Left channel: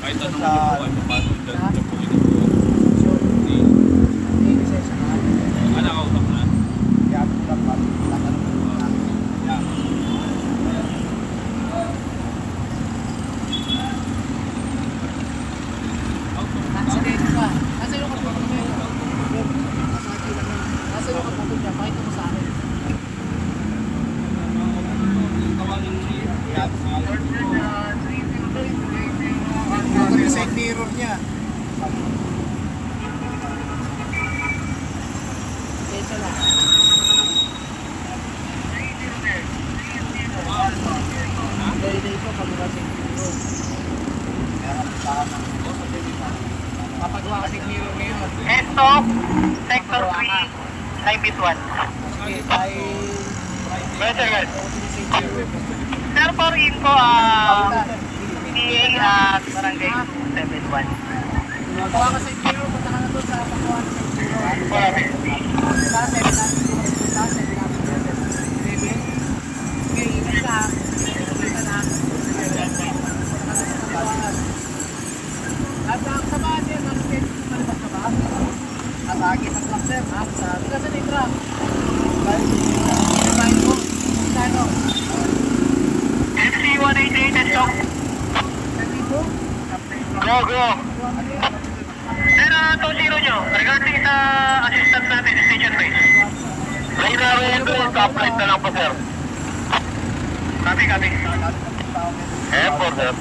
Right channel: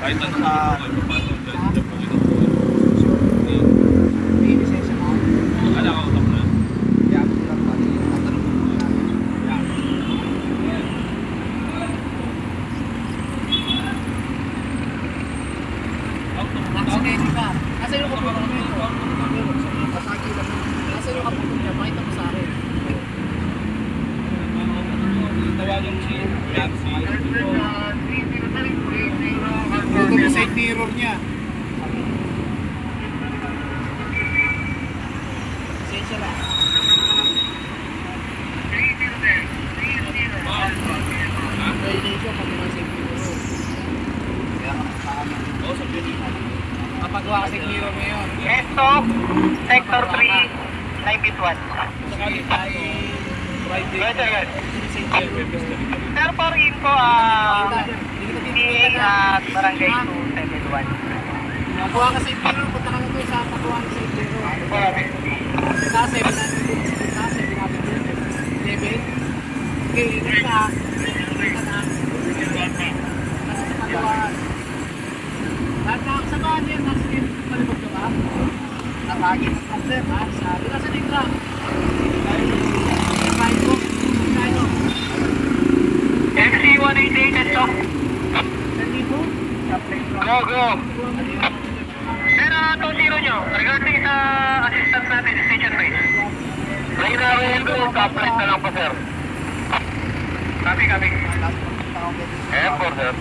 Kahit anong ano po kayo, papasok dyan, dyan po kinukuha. Hindi. Hindi, lisensya na. Nakausap na. Kaya po lang ba? Tatanong po namin. Yeah. Accident ba? Kasi yung kaputol mo yun. Masaki lang. Kasi yung kaputol niya, makita mo sa akin. Tawagan si Yaksi. Ito yung side mirror niya. Lisensya lang. Pwede ko pag masig mirror. Kaya kapag na. Oo, sabihin mo. Kapagawa ka sig mirror ngayon. Ito, Sector 3, Live It 1. Okay, ay Friday. Yes, sir. Sir, Sir, for info, Barangay 271. Magawa ka sa mirror, punta ka na doon sa pagawa ka sa mirror. Kasi, kasi, okay, ingat ka. Ingat ka na. Ano sa pagawa? Lahat na sa bahan yan, nakikita ka ba? Natagi na truck, sir. Sabi ka sa truck. Sabay ko. Kano? MC188 at Chok. Go. Sir, itong zero nyo, regarding sa assistance natin sa station base. Right now, we're going to apply na lang po, sir. Copy. Airport, sir.